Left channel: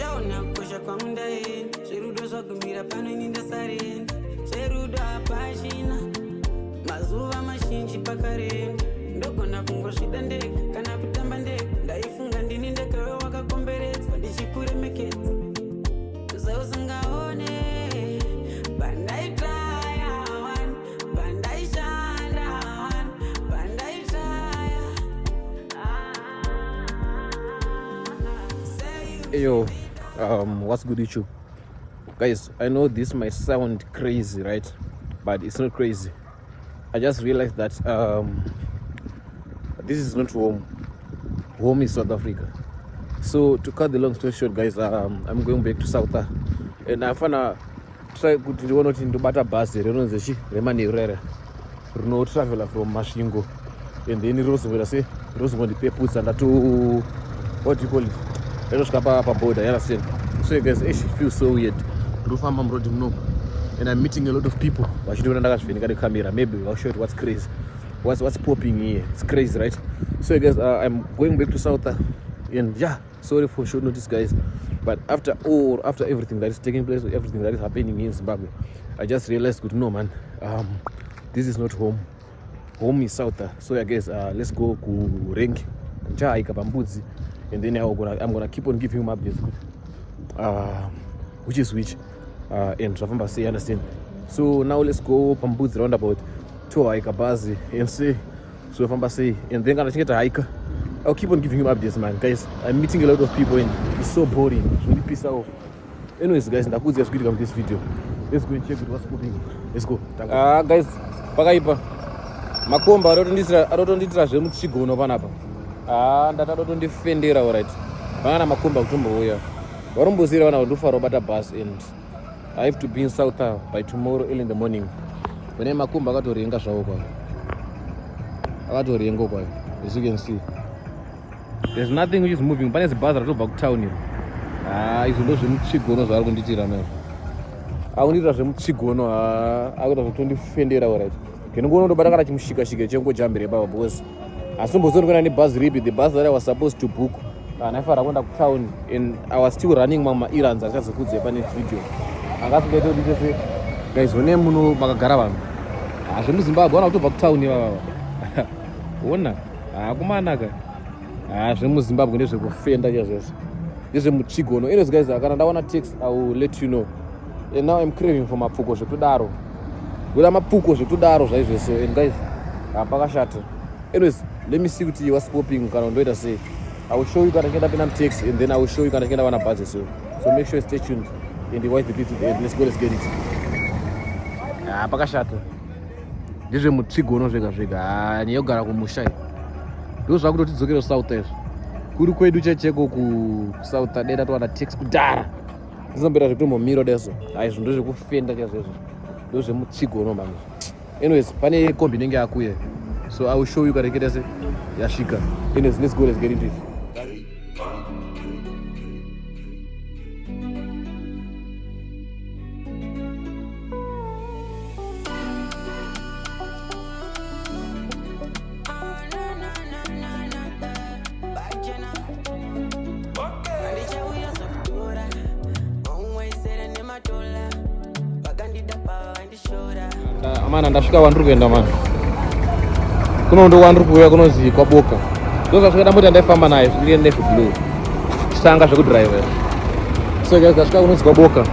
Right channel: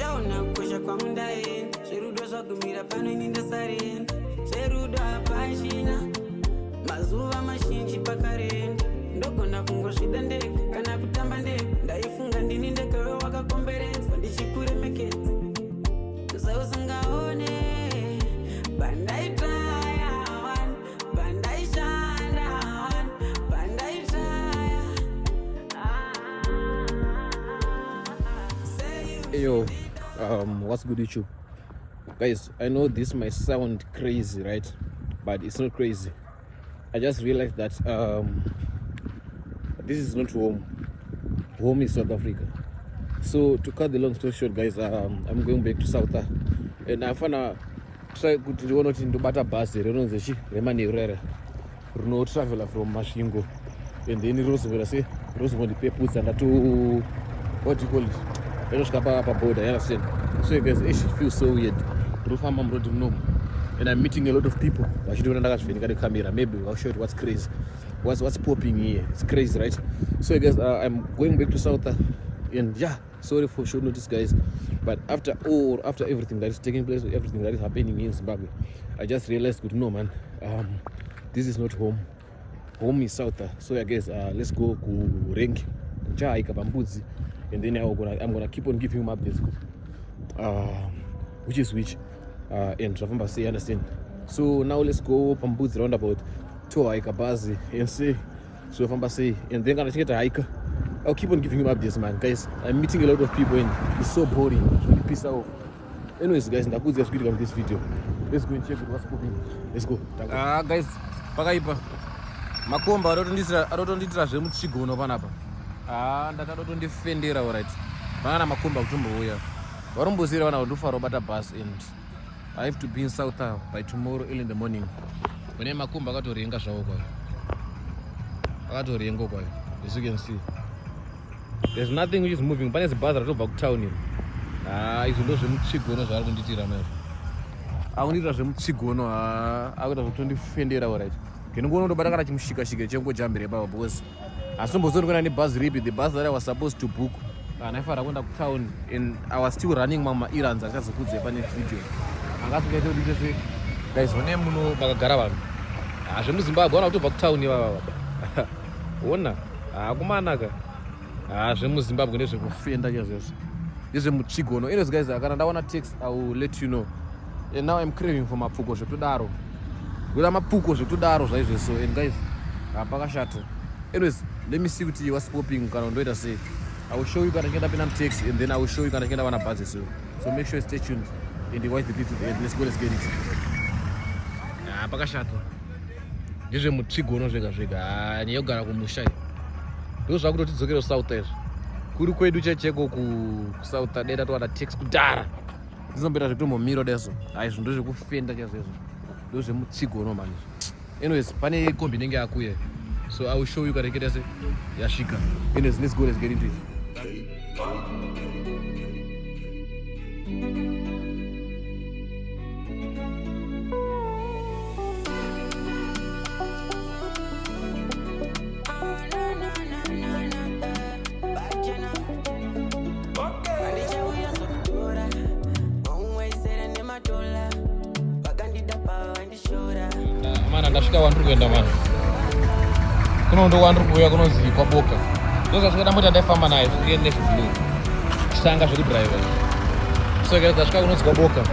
uchaona kukosha kwangu ndaenda zverudo zvagumira pano ini ndasarenda zverudo hapashina mazuva mazhinji pakarenda ndogona kungozvida ndega kana kutamba ndega ndaifunga ndini ndegawe wakakomberedzwa ndichikuremekedza zausingaone bandaitraya one bandaishanda one bandaitraya Yo, what's good YouTube? Guys, I know this might sound crazy, right? But it's not crazy. I just realized that this is not home. Home is South Africa. So to cut the long story short, guys, I'm going back to South Africa. And I found try to one to bata bus remani no traveler from Mashingo. And then Rosemont people and to what do you call it? Border, you understand? So guys, it feels so weird. And I'm meeting a lot of people. But you don't understand the camera. Maybe I'll show you what's crazy. What's popping here. It's crazy, right? So guys, I'm going back to South and yeah, sorry for short notice, guys. But after everything that is taking place, everything that is happening in Zimbabwe, I just realized, good no man, this is not home. Home is South. So yeah, guys, let's go to Rengi, Bambudzi. And then I'm gonna keep on giving him updates, which is which, and Ravamba say understand. So now let's go Pambudzi roundabout to Aikabazi and say, so Ravamba say, and then gonna get a hike. I'll keep on giving him updates, man. Guys, I'm meeting a lot of people and it's so boring. It's really pissed off. Anyways, guys, I'm going to come this video. Let's go and check what's popping. Let's go. Guys, Pagaipa. Makomba, I don't need to Chigo no Vanapa. Ndatoda kundifendera alright vana makomba kutombo uya varumbozira vana kundofara bata bus and I have to be in South by tomorrow early in the morning. Kune makomba akatorenga zvawo kwa akatorenga kwa, as you can see there's nothing which is moving. Pane zibhazi ratobva kutown iro izvo ndo zvemuchigono zvaari kunditira nayo akunditira zvemuchigono akuita zvekutondifendera alright kenongoona ndobata kana chimushikashika chengojambire baba boss. As soon as I was bus ripped, the bus that I was supposed to book, and I went to town, and I was still running my errands. I just put the video. I got to get to say, guys, when I'm no Magagaravan, I should Zimbabwe one to back town. One, Kumanaga. I should Zimbabwe to offend. This is a Muchigo. No, anyways, guys, I want to text. I will let you know. And now I'm craving for my Puko to Daro. Well, I'm a Puko to Daro, so, and guys, I'm Pagashat. Anyways, let me see what you was popping. I say, I will show you gonna get up in text, and then I will show you gonna get up on a bus. So make sure you stay tuned in the white video to the end. Let's get it. Pakashato. This is Muchigo no Vega. And you got a Mushai. Those are good to get South there. Could you do check go South and that one text Dara? This is better to mirror there. I should do a fender. Those are Muchigo no man. Anyways, Pani combining a queer. So I will show you guys get as a Yashika. Anyways, let's go, let's get into it. Man, ndasvika vandu kuenda man. Kuno ndo vandu kuuya kunozi kwaboka. Ndozvasvika ndamboti ndaifamba naye zviende blue. Chitanga zvekudrive. So guys, ndasvika kunozi kwaboka.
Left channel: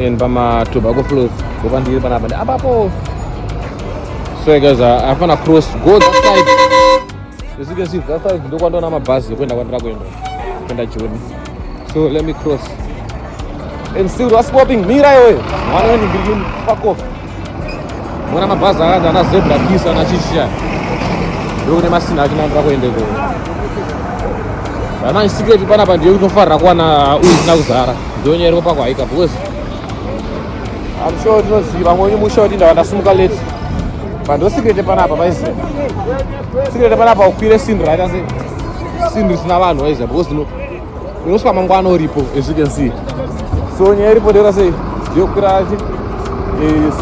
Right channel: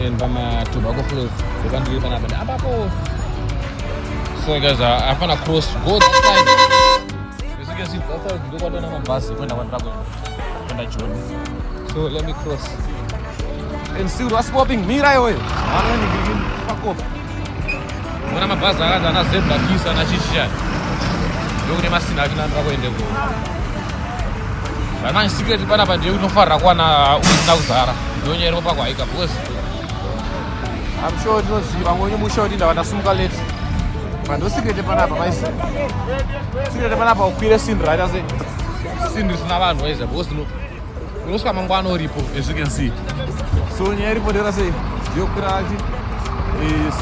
And pama Tobacco Flows. Boka ndiri panapa ndi apapo. So guys, I found a cross go that side. As you can see, that side ndo kwandona mabhazi kwenda kwenda Joni. So let me cross. And still was popping mira iwe. Mwana wendi green fuck off. Mwana mabhazi akaanza na zebra kisa na chisha. Yone masina akinamba kuendeko. Ana secret panapa ndiyo kutofarira kwana uisina kuzara. Ndiyoni yari pakwa haika because I'm sure ndinoziva mwenye mushoti ndavandasimuka late. Pando secret panapa paise. Secret panapa ukwire sindra ase. Sindri sina vanhu paise because unosvika mangwana uripo as you can see. So nyaya iripo ndera sei ndiyo kukwira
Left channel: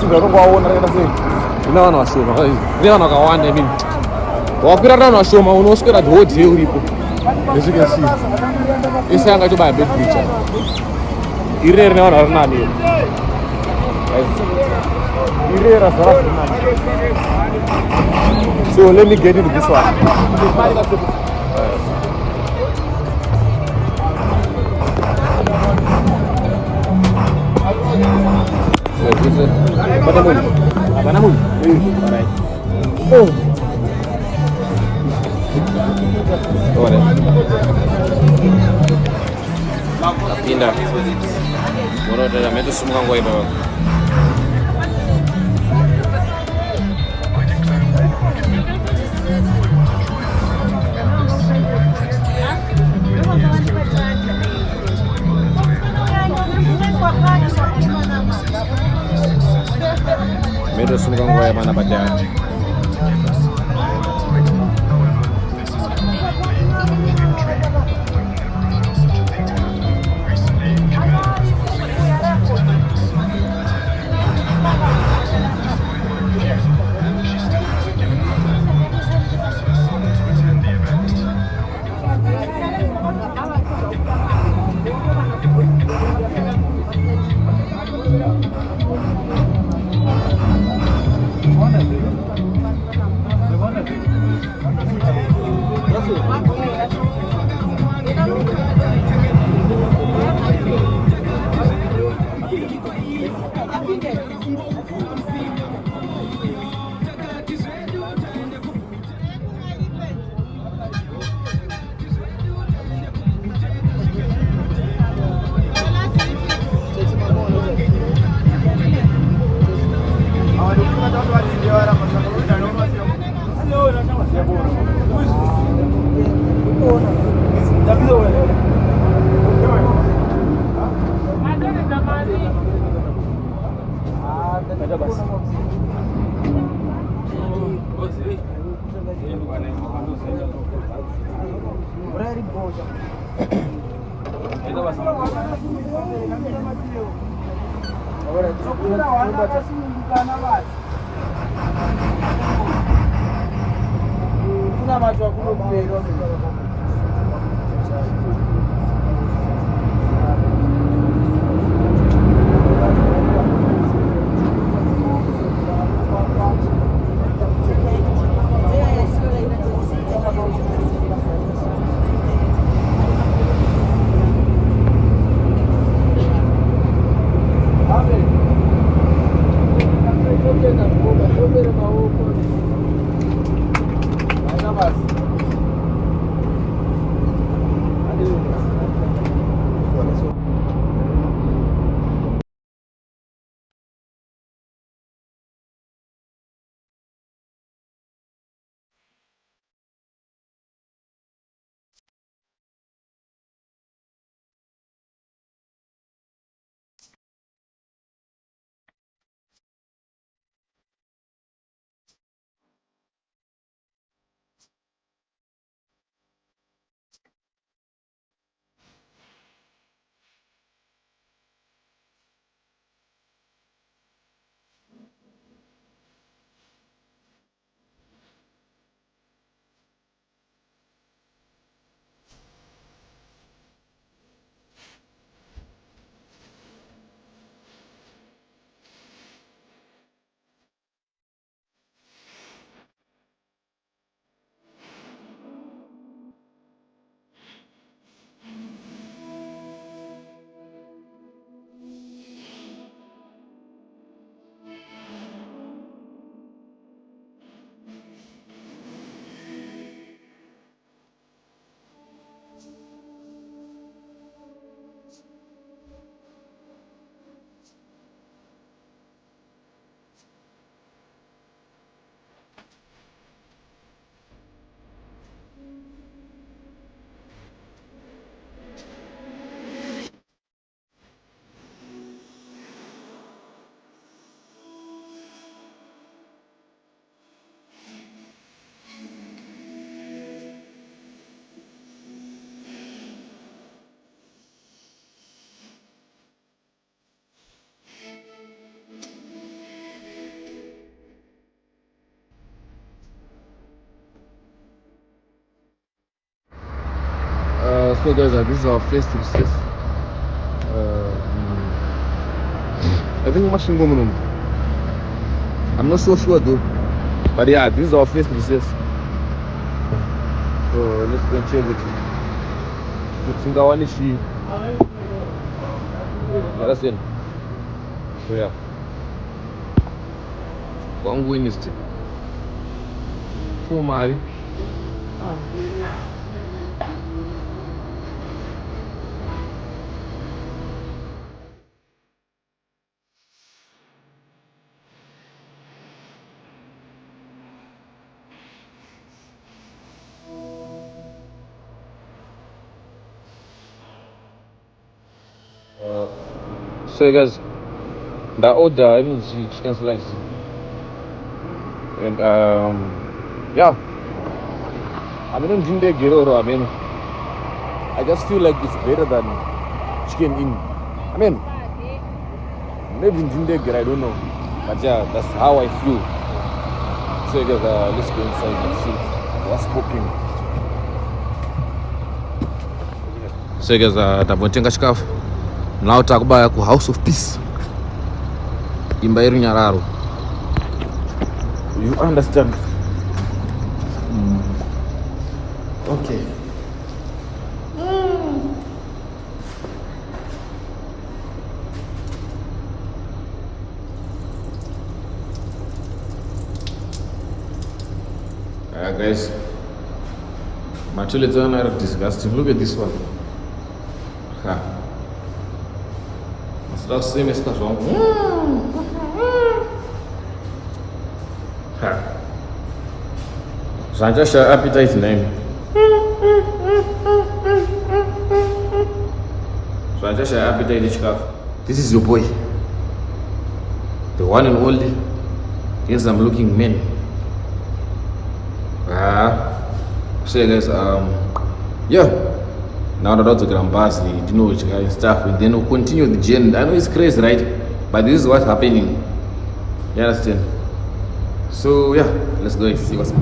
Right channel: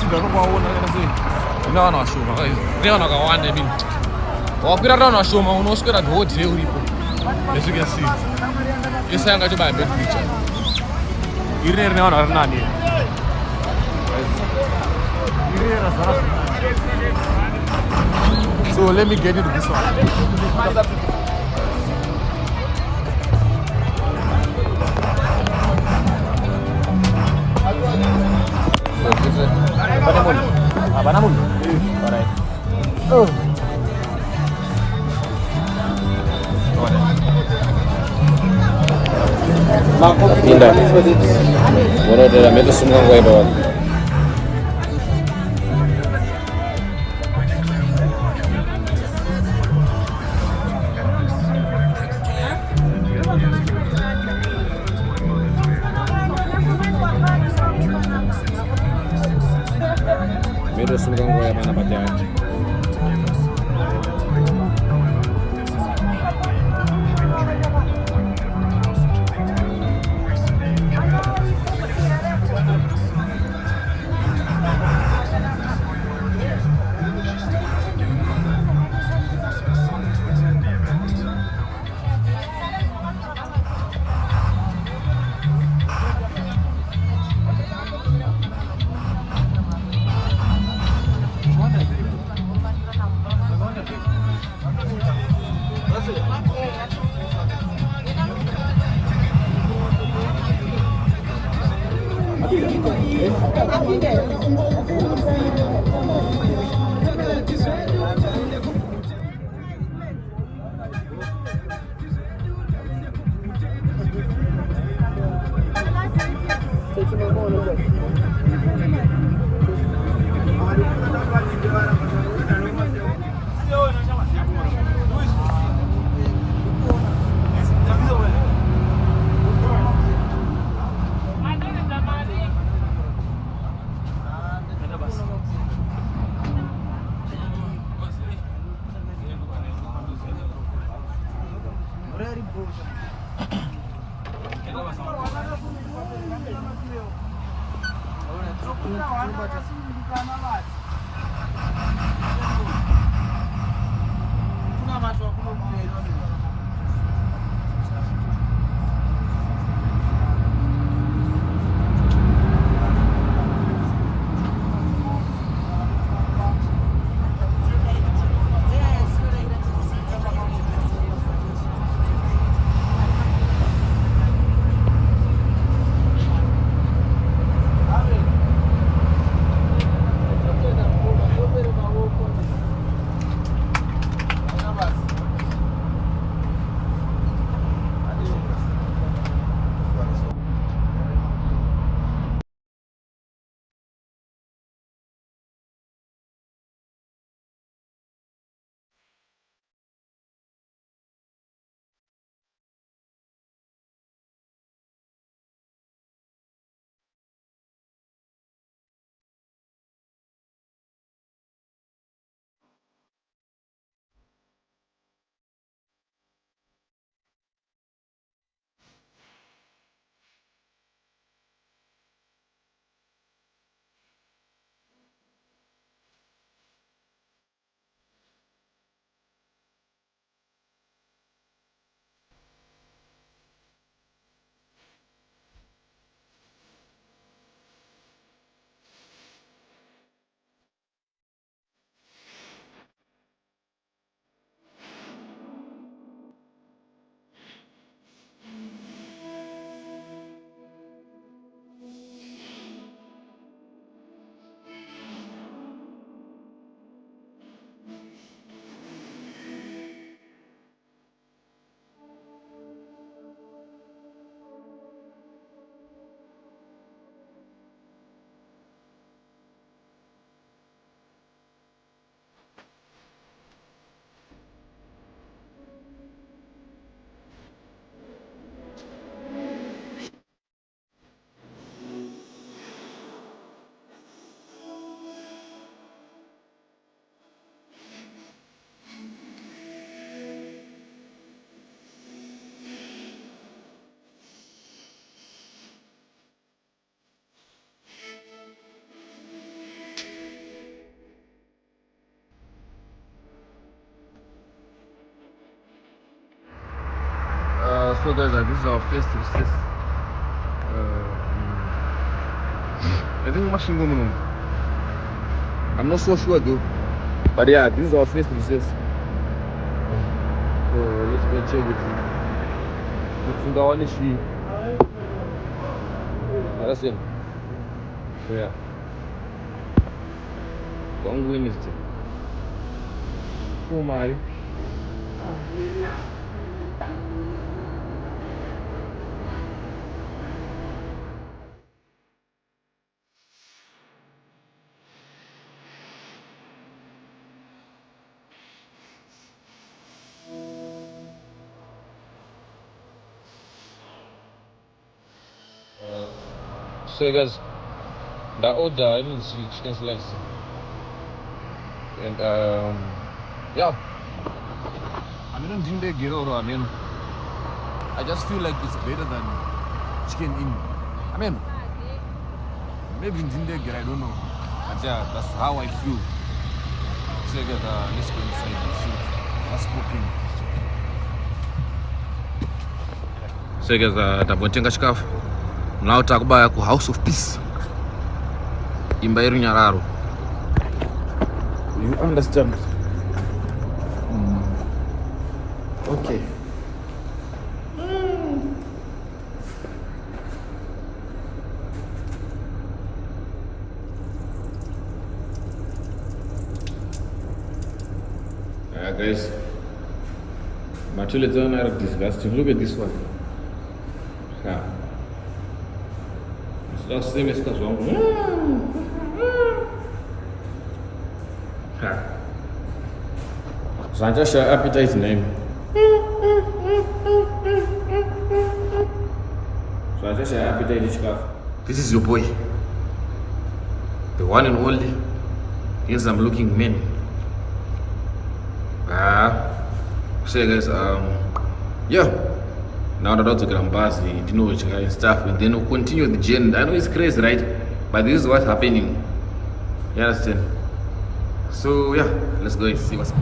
sindra unongowaona rakaita sei. Unaona washoma ndiyana wakawanda I mean. Wakwira rano washoma unoswera the whole day uripo. As you can see, this hanga to buy a big picture. Here now or not here. Here as well. So let me get into this one. Pindah. Bueno, de la meta sumang guay bawah. Meta sumang guay mana baca? So guys, this is our first recess. I think Mashingo Munum. I'm not so sure though. But yeah, this is our first recess. So let's go and check it. You understand? So yeah. One win is it. Oh my. So guys, the order I mean chicken slice. And yeah. I mean Jinde Gero, I mean I just feel like it's better than chicken in. I mean maybe in Jinde Gero, I don't know. But yeah, that's how I feel. So guys, let's go inside and see what's popping. So guys, tabotenga chikafu. Now talk about House of Peace. Imba iri Nyararo. You understand? Okay. Guys, my toilets are disgusting. Look at this one. Ha. It's not the same as that one. Ha. Sanjasha appetite name. Sanjasha appetite chikaf. This is your boy. The one and only. Yes, I'm looking man. So guys, yeah. Now that to Grambasi, you know which kind of stuff, and then we'll continue the journey. I know it's crazy, right? But this is what's happening. You understand? So yeah, let's go and see what's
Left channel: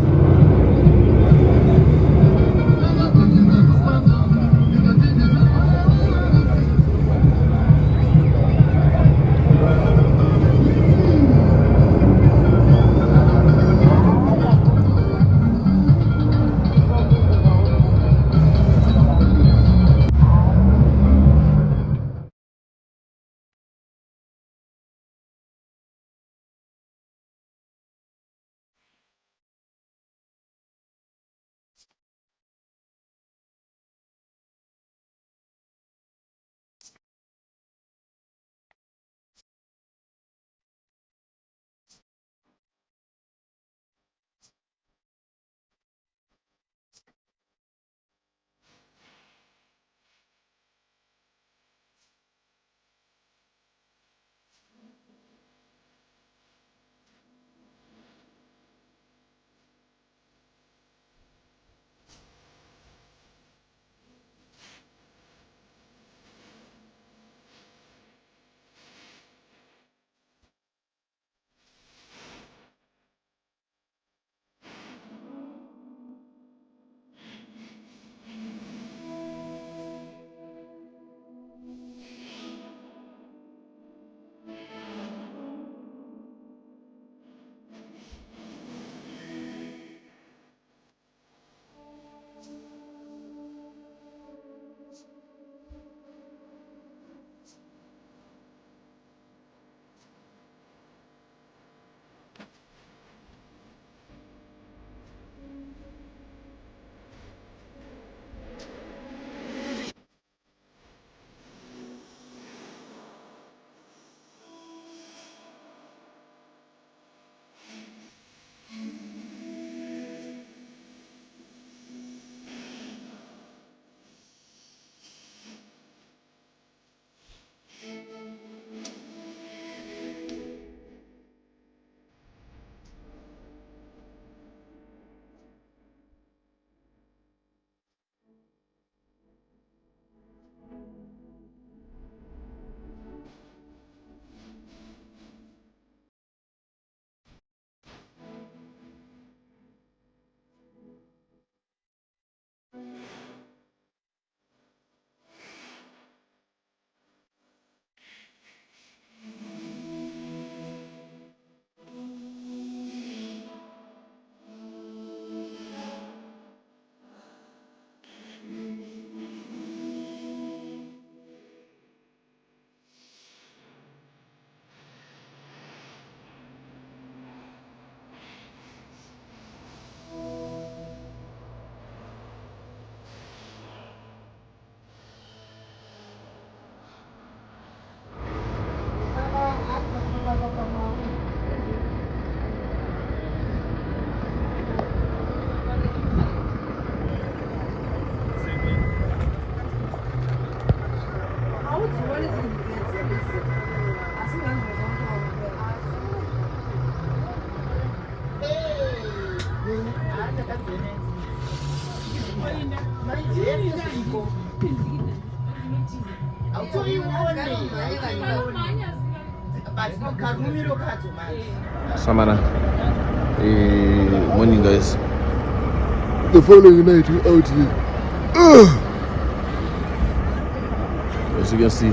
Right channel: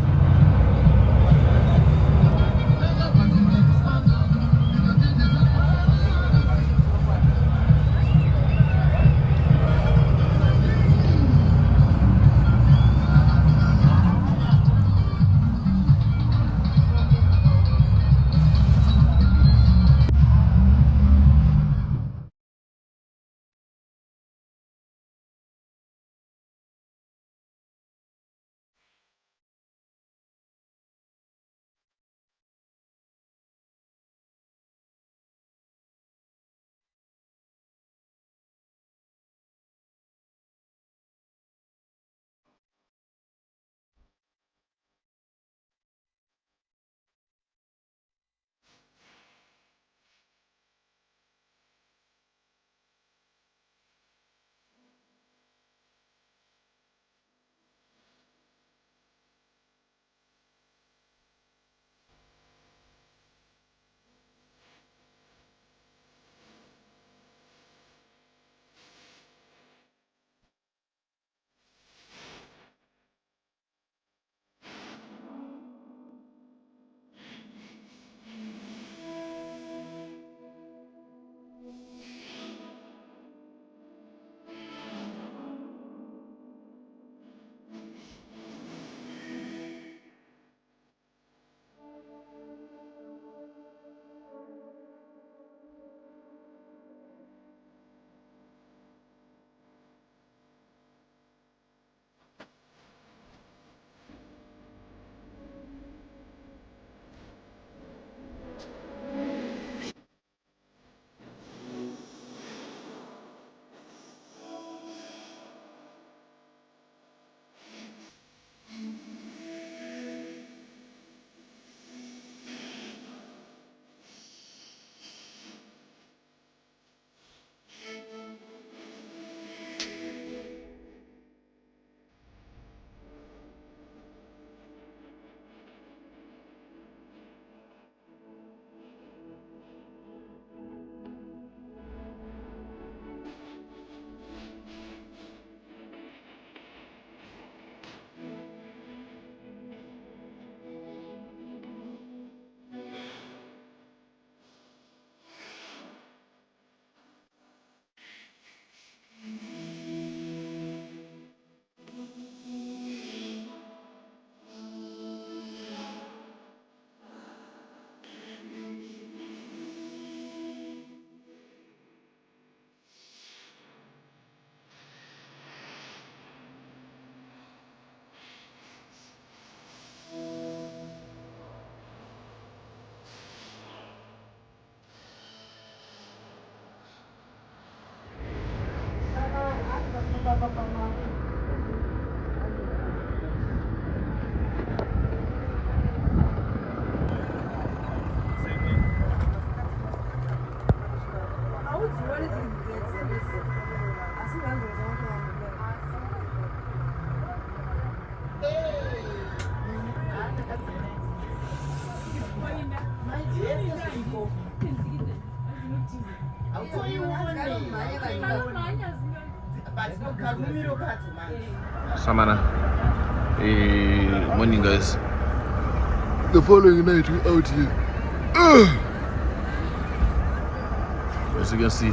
Samana. Morning, guys. The following night we're out here. As you can see,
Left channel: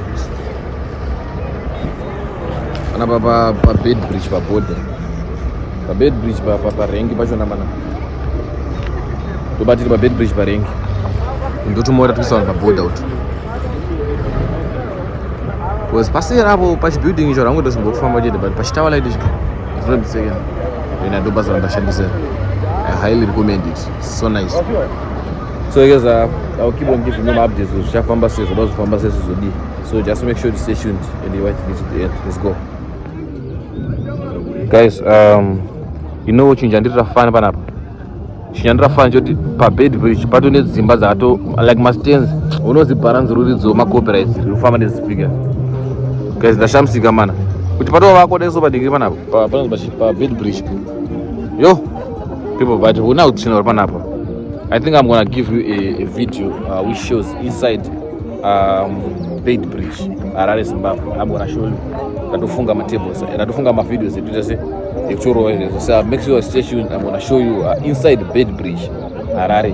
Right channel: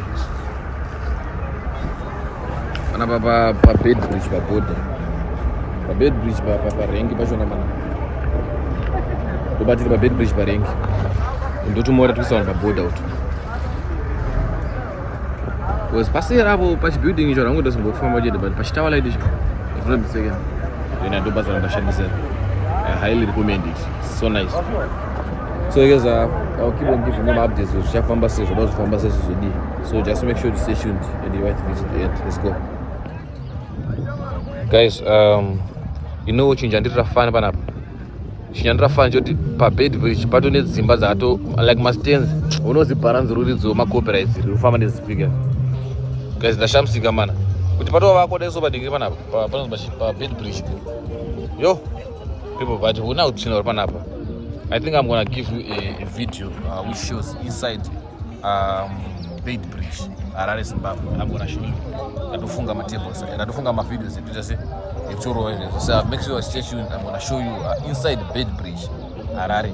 anapa pa bed bridge pa border. Pa bed bridge pa rengi pa shona mana. To batiri pa bed bridge pa rengi. Ndoto mora tuisa pa border out. Was pasera apo pa building ijo rango dosimbo kufamba jede but pachitawa like this. From the second. When I do bazaar bashandise. I highly recommend it. It's so nice. So guys, I'll keep on giving you updates. So just make sure to stay tuned and you watch this to the end. Let's go. Guys, you know what chinjandira fan panapa. Chinjandira fan joti pa bed bridge pato ne zimba zato like mastens. Uno ziparanzi ruri zo ma copyright. Ufama ne speaker. Guys, the shamsi gamana. Kuti pato wako deso ba digiri panapa. Pa bed bridge. Yo, people, but we now chino panapa. I think I'm gonna give you a video which shows inside bed bridge. Harare Zimbabwe. I'm gonna show you. Natufunga my tables. Natufunga my videos. So make sure you stay tuned. I'm gonna show you inside the bed bridge, Harare.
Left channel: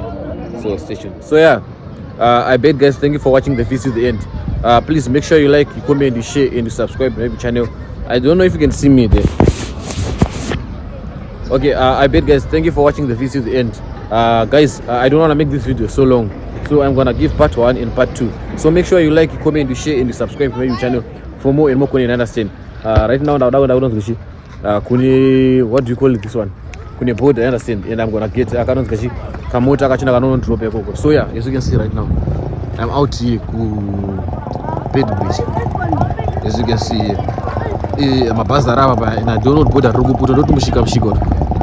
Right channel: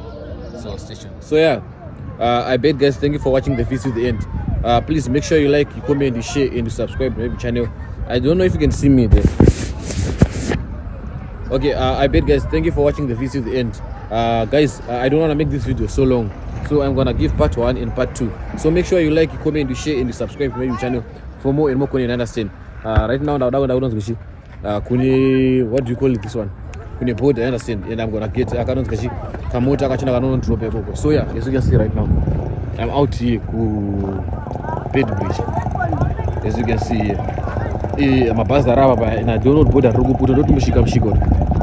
So stay tuned. So yeah, I beg guys, thank you for watching the video to the end. Please make sure you like, you comment, you share, and you subscribe to my channel. I don't know if you can see me there. Okay, I beg guys, thank you for watching the video to the end. Guys, I don't want to make this video so long, so I'm gonna give part 1 and part 2. So make sure you like, you comment, you share, and you subscribe to my YouTube channel for more and more content. Understand? Right now, kuni, what do you call it, this one? Kuni board, I understand, and I'm gonna get kamota kachina kanono drop yako. So yeah, as you can see right now, I'm out here ku bed bridge. As you can see here, mabaza raba and I don't know border rukuputo don't mushika mshiko.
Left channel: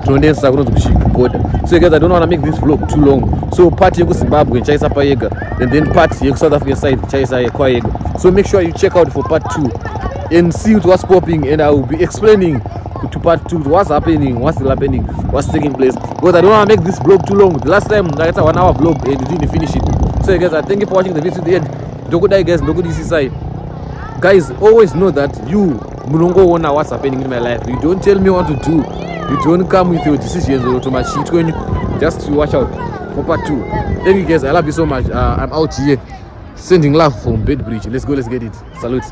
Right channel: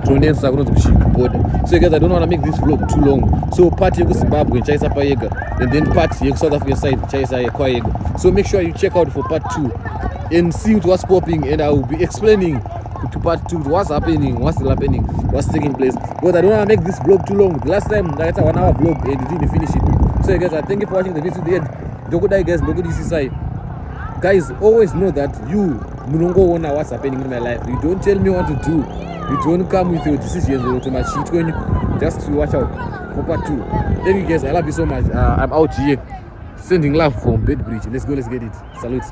So guys, I don't want to make this vlog too long. So part you go Zimbabwe, Chaisa Payega, and then part you South African side, Chaisa Kwayega. So make sure you check out for part 2 and see what's popping, and I will be explaining to part 2 what's happening, what's still happening, what's taking place. Because I don't want to make this vlog too long. The last time I had a 1 hour vlog and you didn't finish it. So guys, I thank you for watching the video to the end. Don't go die guys, don't go this side. Guys, always know that you munongo wona what's happening in my life. You don't tell me what to do. You don't come with your decisions or to my shit when you just to watch out for part 2. Thank you guys, I love you so much. I'm out here sending love from Bed Bridge. Let's go, let's get it. Salute.